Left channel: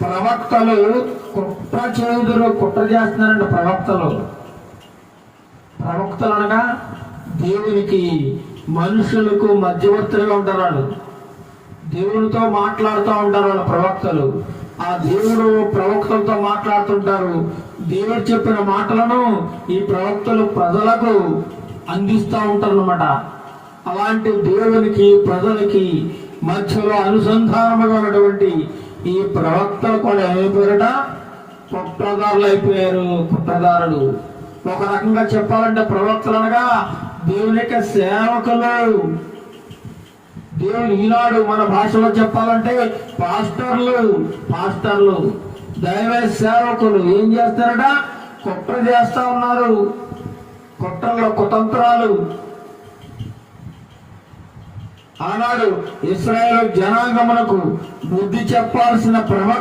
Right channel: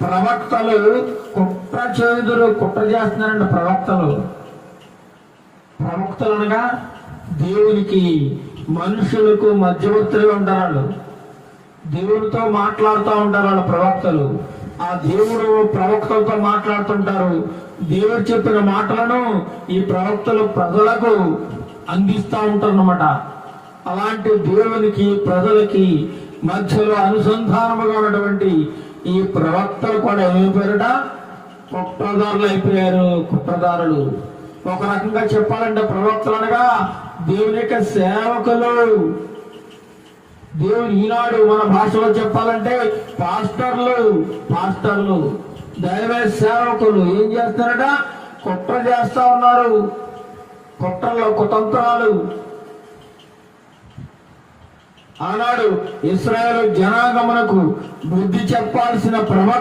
ప్రవక్తలు కుట్ర చేస్తున్నారండి. ప్రవక్తలు అనగా దేవునికి మనుషులకు మధ్యవర్తులుగా ఉంటారు. వాళ్ళు దేవునితో మాట్లాడుతూ ఉంటారు. వాళ్ళ ప్రవక్తలు ఆ దేవుడు ప్రవక్తలతో మాట్లాడుతుంటారు. దేవుడు చెప్పిన మాటలను ఈ ప్రవక్తలు ప్రజలకు అందిస్తూ ఉంటారు అన్నమాట. అలాంటి దేవునికి ప్రజలకి మధ్యలో అనుసంధానముగా ఉన్నటువంటి ఈ ప్రవక్తలు కూడా ఏమైపోయారట? కుట్రదారులు అయిపోయారు. కుట్రదారులు ఒక రకంగా చెప్పాలంటే ప్రవక్తలు అనగా దేవుని యొక్క సేవకులు. దేవుని ఈనాడు మన భాషలో చెప్పాలంటే పాస్టర్లు దైవ సేవకులు ఏం చేస్తారట? కుట్ర చేస్తా ఉన్నారు. కుతంత్రాలు. ఆనాడు ఇశ్రాయేలు జనాంగమునకు బుద్ధి చెప్పాల్సిన ప్రవక్త